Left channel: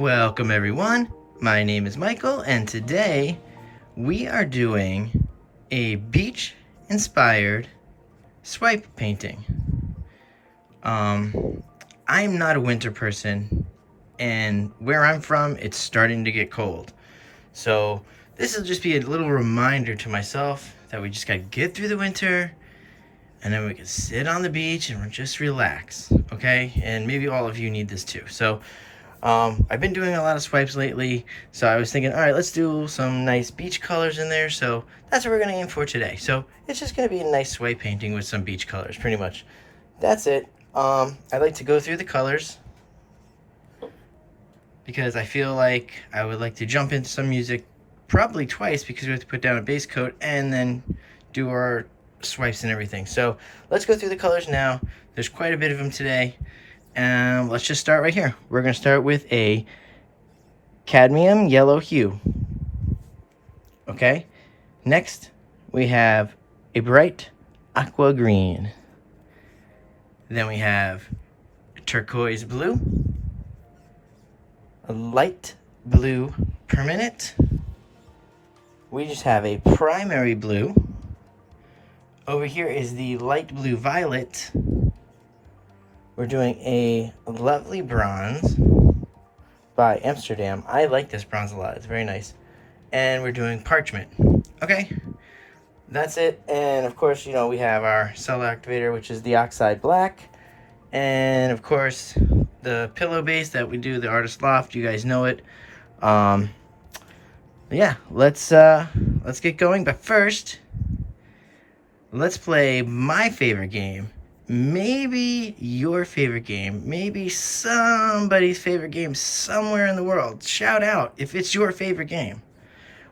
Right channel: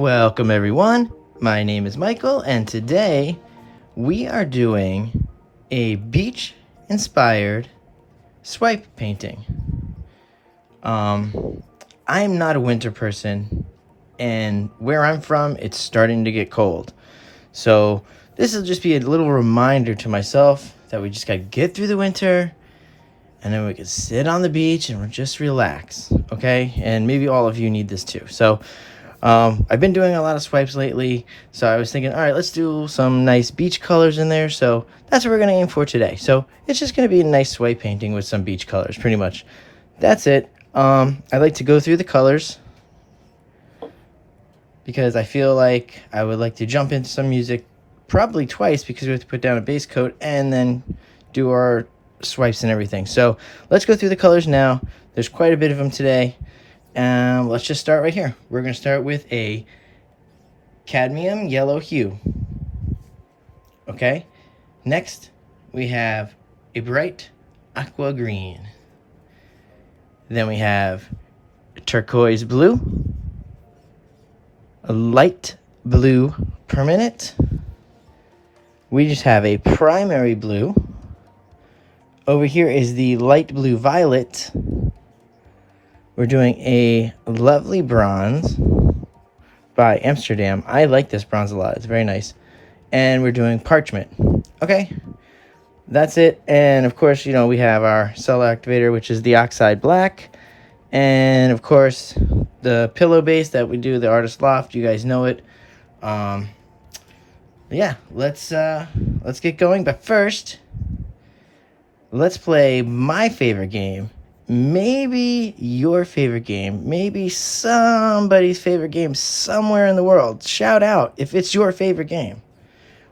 Welcome everyone, my name is Michael and today we are doing a beach inspired swipe painting. I'm not a winter person and where I'm from it's starting to get cold. So this will just be a little reminder to myself that we just gotta get through the winter and then we can sit on the beach and just relax, okay? And maybe all of you need this too. So I've been doing a lot of swipes lately, so I was thinking, all right, let's do some nice beach colors in there. So that's what we're going to aim for today. So it's just going to be a nice swipe painting with some beach colors, pretty much. That's it. I like to go through the colors because I feel like I would like to jump into some music probably twice because we have to put down a base coat and then do our swipes and everything. So let's go through the colors now. There's quite a bit of them today. Let's just start right here. We're going to start with a cadmium yellow hue. Okay. Next, we have a bright aqua green. Then we have turquoise blue, a light blue permanent. We just have a primary blue. Over here is the light blue violet. We're doing a lovely bronze by Amsterdam. I like this bronze a lot. It's very nice. And we're doing parchment. Okay, that's it. And of course, you know, we have our cell activator, which is the oxide black. And of course, the pillow base that we do, the Artist Loft. You guys know it. Yeah, let's get going. But first, let's play my favorite game. Maybe your favorite game, maybe somebody's favorite game somewhere in the world. Shout out if it's your favorite game.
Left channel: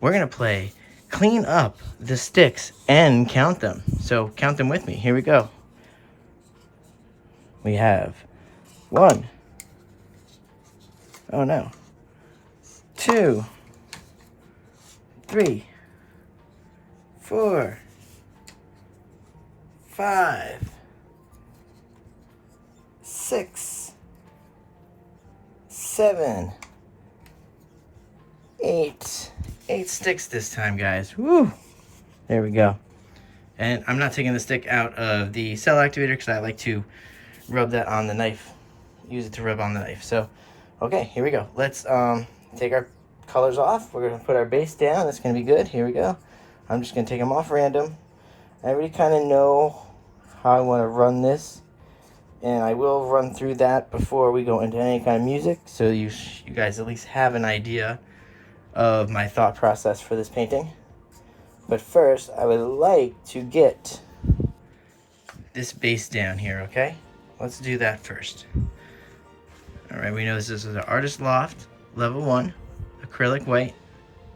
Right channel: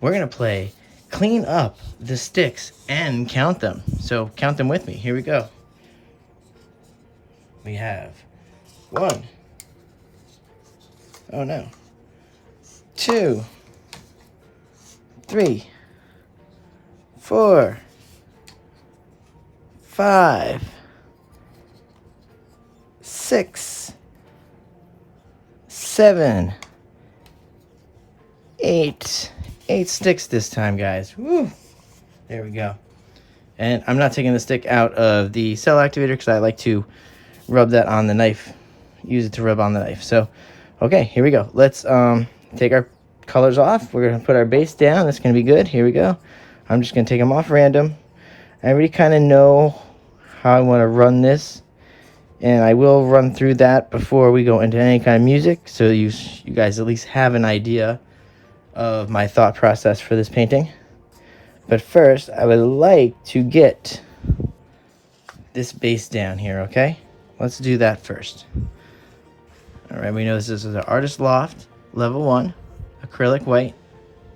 We're going to play Clean Up the Sticks and Count Them. So count them with me. Here we go. We have 1. Oh no. 2, 3, 4, 5, 6, 7, 8. 8 sticks this time, guys. Woo! There we go. And I'm not taking the stick out of the cell activator because I like to rub that on the knife. Use it to rub on the knife. So, okay, here we go. Let's take our colors off. We're going to put our base down. That's going to be good. Here we go. I'm just going to take them off random. I already kind of know how I want to run this. And I will run through that before we go into any kind of music, so you guys at least have an idea of my thought process for this painting. But first, I would like to get this base down here, okay? Let's do that first. All right, we know this is the Artist Loft, level 1, acrylic white,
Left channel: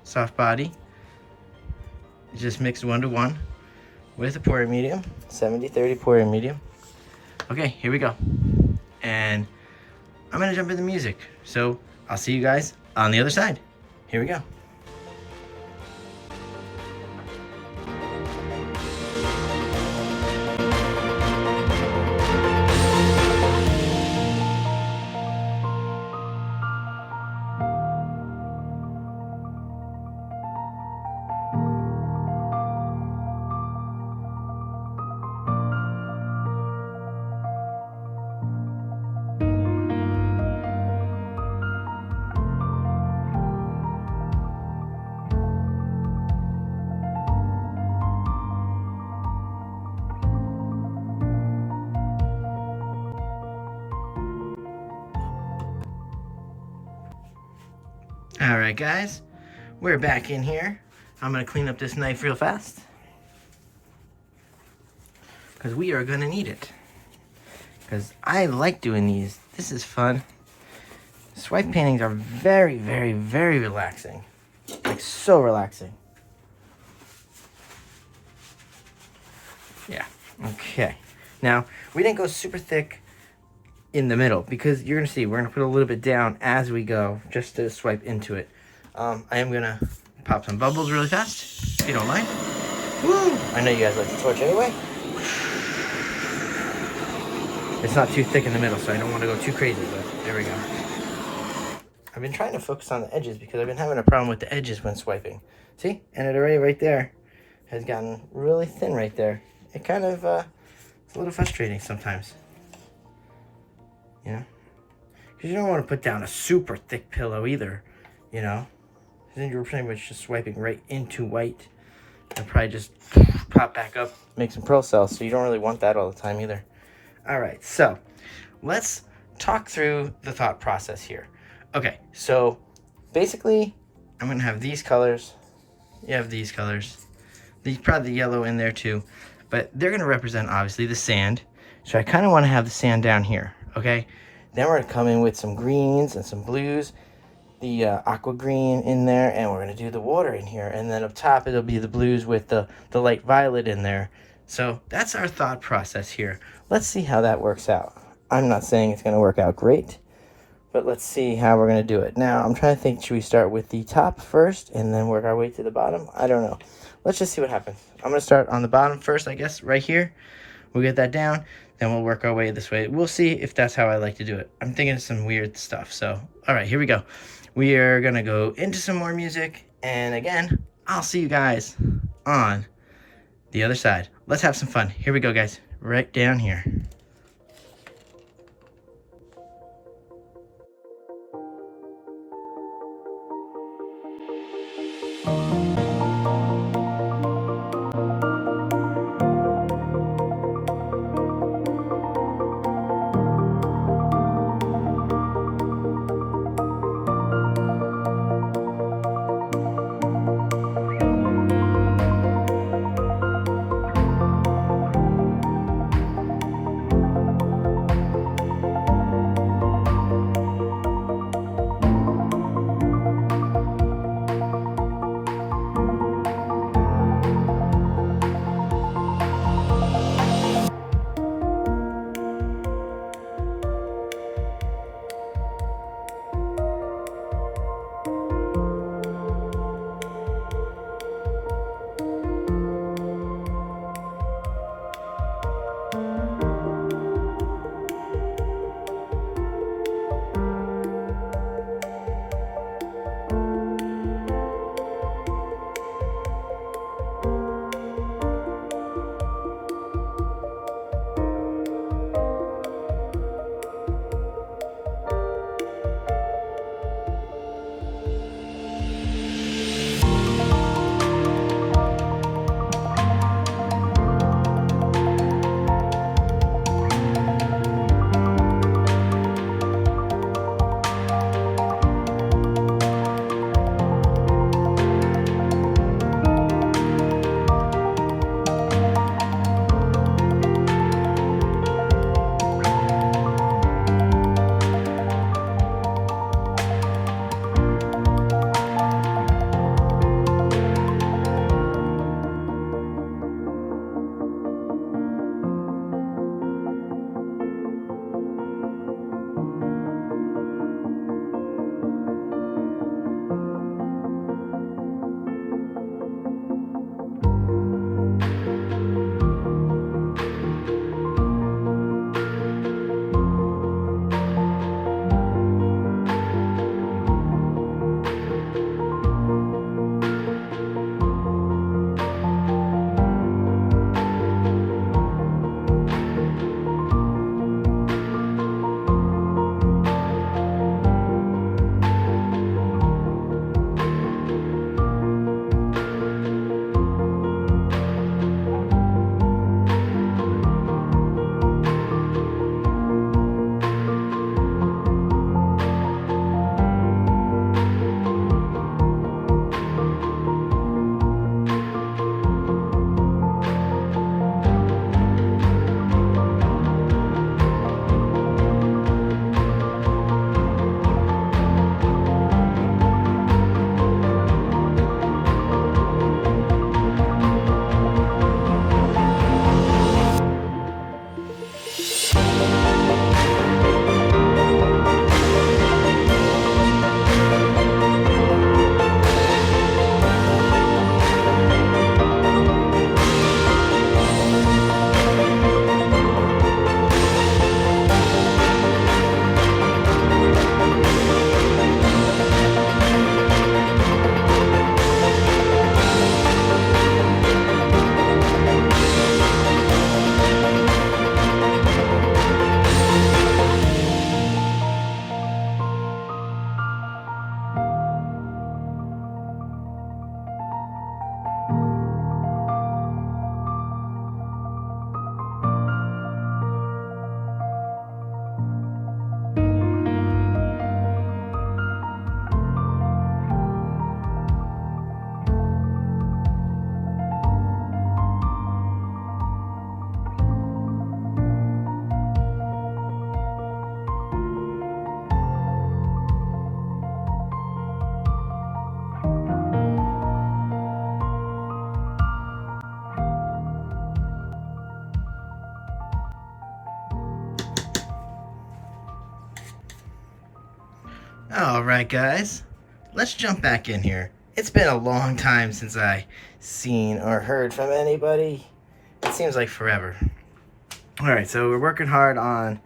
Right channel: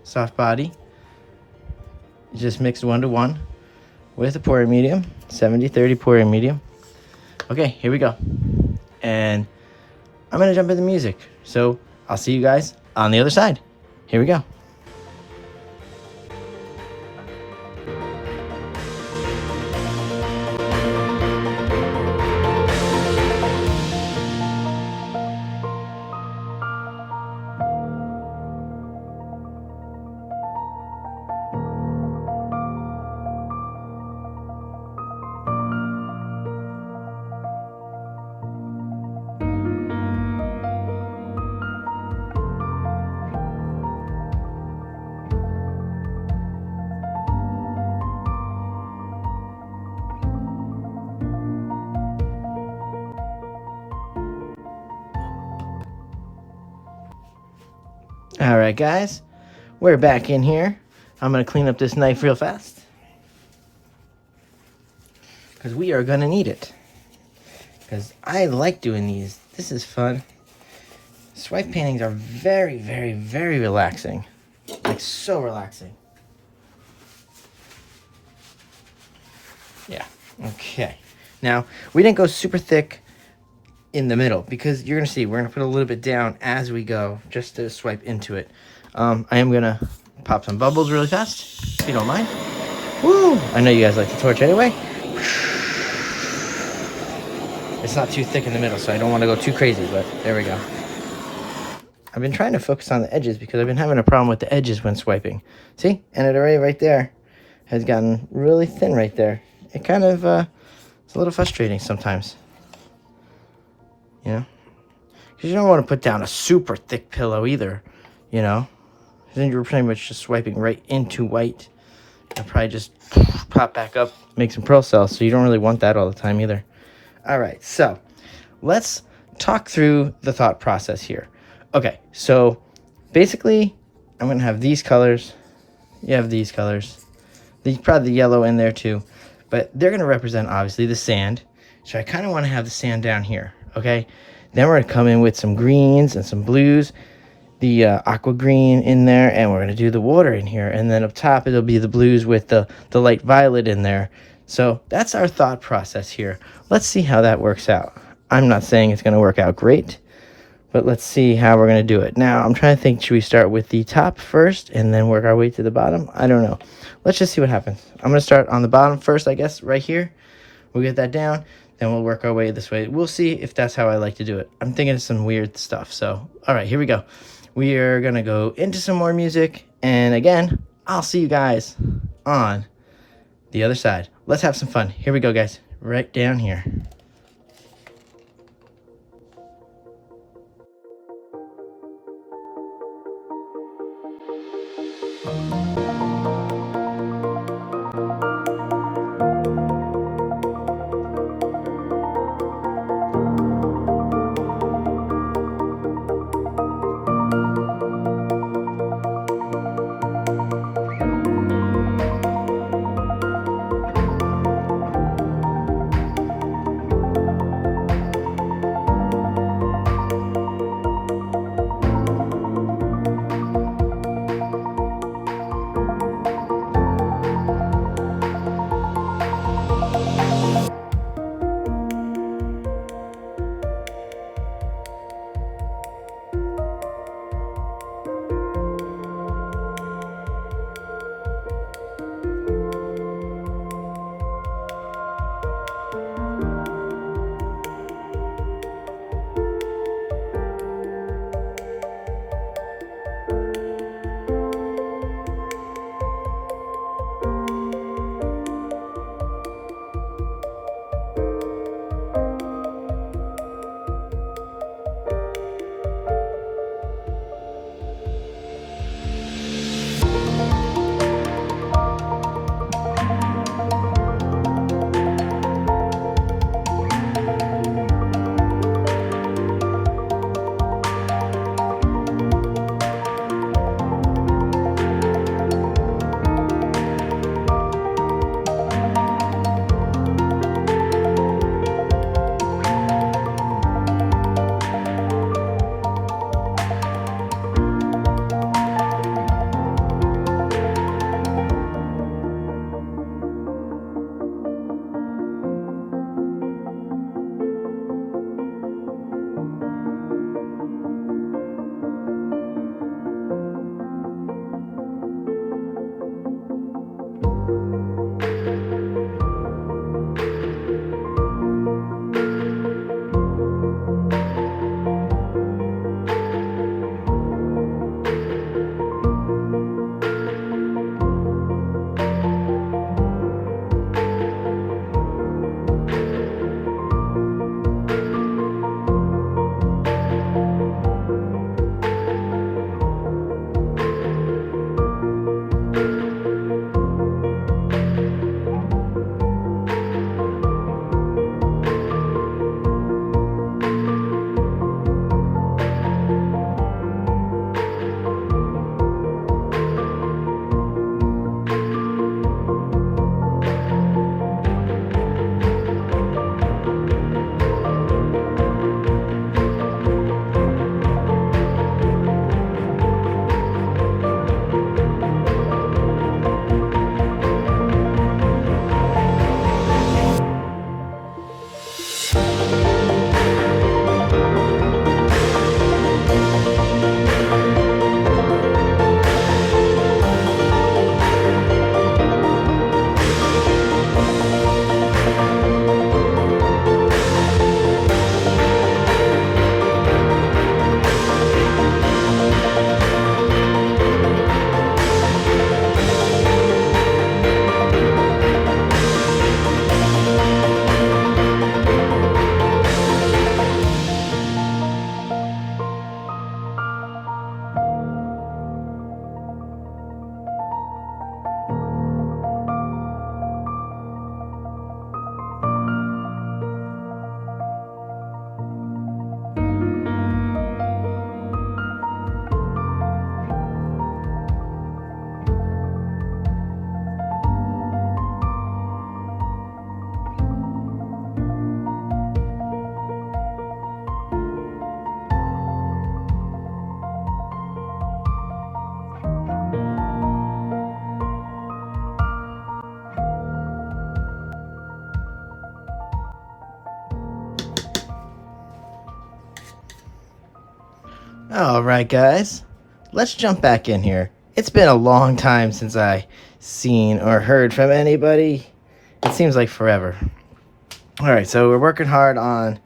soft body. Just mixed 1:1 with a pouring medium, 70-30 pouring medium. Okay, here we go. And I'm going to jump into music. So I'll see you guys on the other side. Here we go. All right, guys, we're back in here. I'm going to clean up this knife real fast because we are going to need it. Because I like doing these. This is fun. Swipe paintings are very, very, very relaxing. Like, so relaxing. Yeah, okay. Now, we didn't go super thick in the middle because you're gonna see we're gonna put a little bit down as we go just to swipe into it. I am gonna pop some bubbles really fast if you don't mind. Woo! I know you guys like the torch anyway. It's not too thick in the middle, so I don't want to go too crazy, but there we go. I've been trying to focus on the edges because I've been having a problem with the edges when swiping. See? And it already right there has gotten really thin right there. It kind of, it's a little frustrating sometimes. You know? Because you don't want to put down a super thick pillow either, you know? Then you're pretty much just swiping right into white. It'll probably just pop back up, make some pearl cells, so you don't really want that all the time either. All right, so let's talk through the thought process here. Okay, so basically, I'm going to have these colors. You have these colors. There's probably the yellow in there too, but they're going to represent, obviously, the sand. So I kind of want to have the sand down here, okay? Then we're going to come in with some greens and some blues, the aqua green in there, and we're going to do the water in here. And then up top, it'll be the blues with the light violet in there. So that's our thought process here. Let's see how that works out. I'm not saying it's going to work out great, but let's see how we're going to do it. Now, I'm trying to think, should we start with the top first and then work our way to the bottom? I don't know. Let's just see what happens. I'm going to start on the bottom first, I guess, right here. We'll get that down, then we'll work our way this way. We'll see if that's how I like to do it. I'm thinking of some weird stuff. So, all right, here we go. We are going to go into some more music. And again, I'll see you guys on the other side. Let's have some fun. Here we go, guys. Right down here. All right, guys, let's jump back in here. It's been a long time since I seen or heard from anybody. It seems like forever. All right, so we're working hard on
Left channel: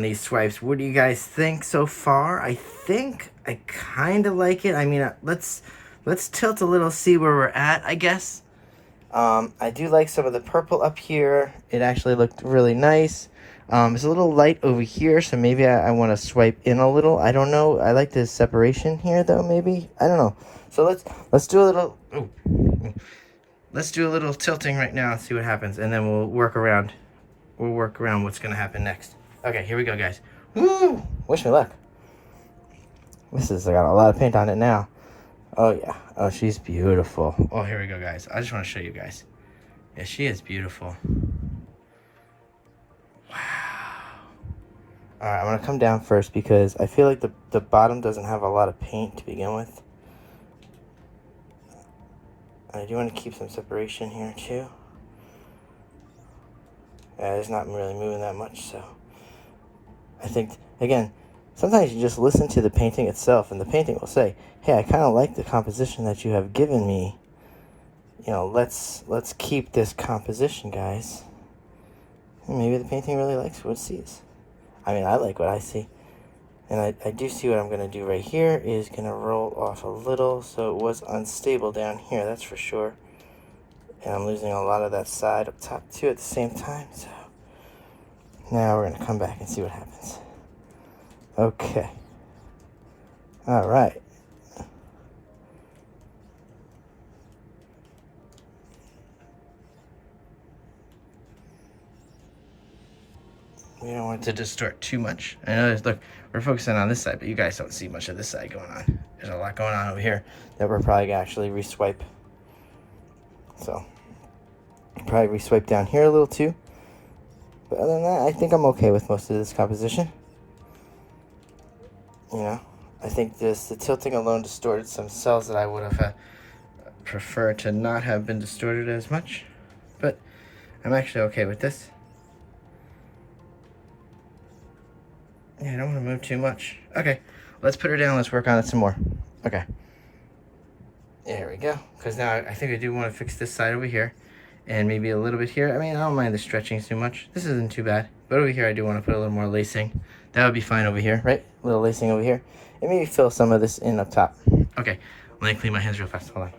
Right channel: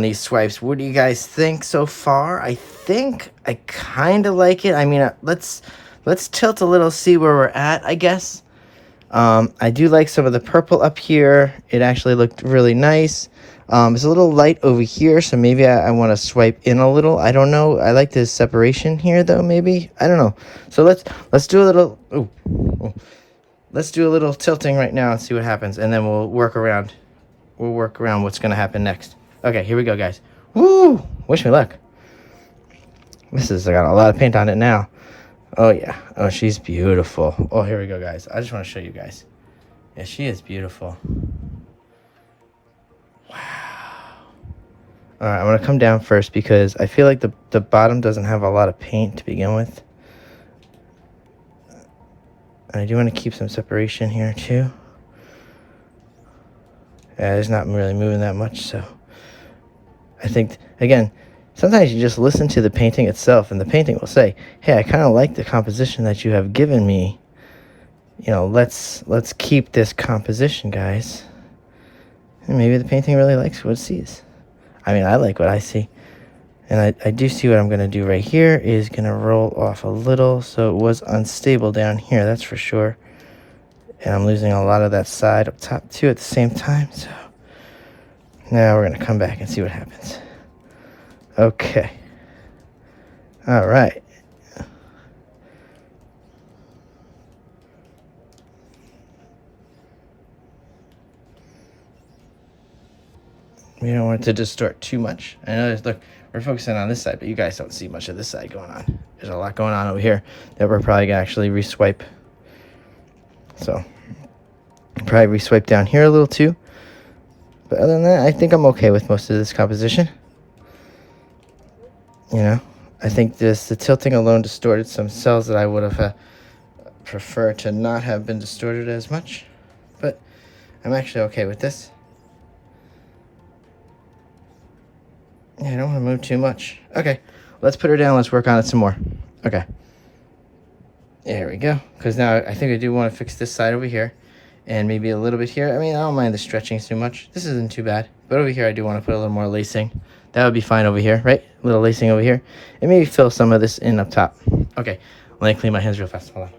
these swipes. What do you guys think so far? I think I kind of like it. I mean, let's tilt a little, see where we're at, I guess. I do like some of the purple up here. It actually looked really nice. It's a little light over here, so maybe I want to swipe in a little. I don't know. I like this separation here, though. Maybe I don't know. So let's do a little. Let's do a little tilting right now and see what happens, and then we'll work around. We'll work around what's gonna happen next. Okay, here we go, guys. Woo! Wish me luck. This has got a lot of paint on it now. Oh yeah. Oh, she's beautiful. Oh, here we go, guys. I just want to show you guys. Yeah, she is beautiful. Alright, I'm going to come down first because I feel like the bottom doesn't have a lot of paint to begin with. And I do want to keep some separation here too. Yeah, it's not really moving that much, so I think, again, sometimes you just listen to the painting itself and the painting will say, hey, I kind of like the composition that you have given me. You know, let's keep this composition, guys. And maybe the painting really likes what it sees. I mean, I like what I see. And I do see what I'm going to do right here is going to roll off a little. So it was unstable down here, that's for sure. And I'm losing a lot of that side up top too at the same time. So now we're going to come back and see what happens. Okay. All right. We don't want it to distort too much. I know look, we're focusing on this side, but you guys don't see much of this side going on. There's a lot going on over here that we're probably gonna actually reswipe. So probably reswipe down here a little too. But other than that, I think I'm okay with most of this composition. You know, I think the tilting alone distorted some cells that I would have preferred to not have been distorted as much. But I'm actually okay with this. Yeah, I don't want to move too much. Okay, let's put her down. Let's work on it some more. Okay. There we go. Because now I think I do want to fix this side over here. And maybe a little bit here. I mean, I don't mind the stretching too much. This isn't too bad. But over here, I do want to put a little more lacing. That would be fine over here, right? A little lacing over here. And maybe fill some of this in up top. Okay, let me clean my hands real fast. Hold on.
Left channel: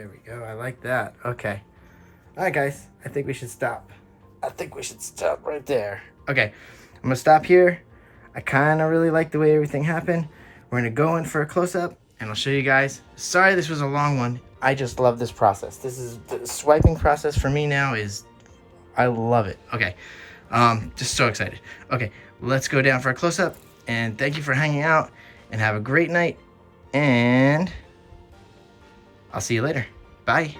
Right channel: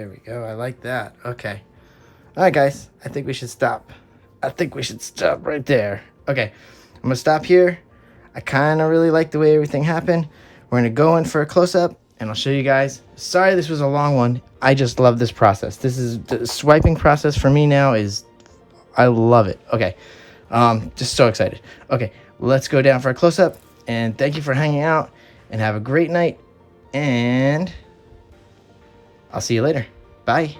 There we go. I like that. Okay. All right, guys. I think we should stop. I think we should stop right there. Okay. I'm going to stop here. I kind of really like the way everything happened. We're going to go in for a close-up, and I'll show you guys. Sorry this was a long one. I just love this process. This is the swiping process for me now is, I love it. Okay. Just so excited. Okay. Let's go down for a close-up, and thank you for hanging out, and have a great night, and I'll see you later. Bye.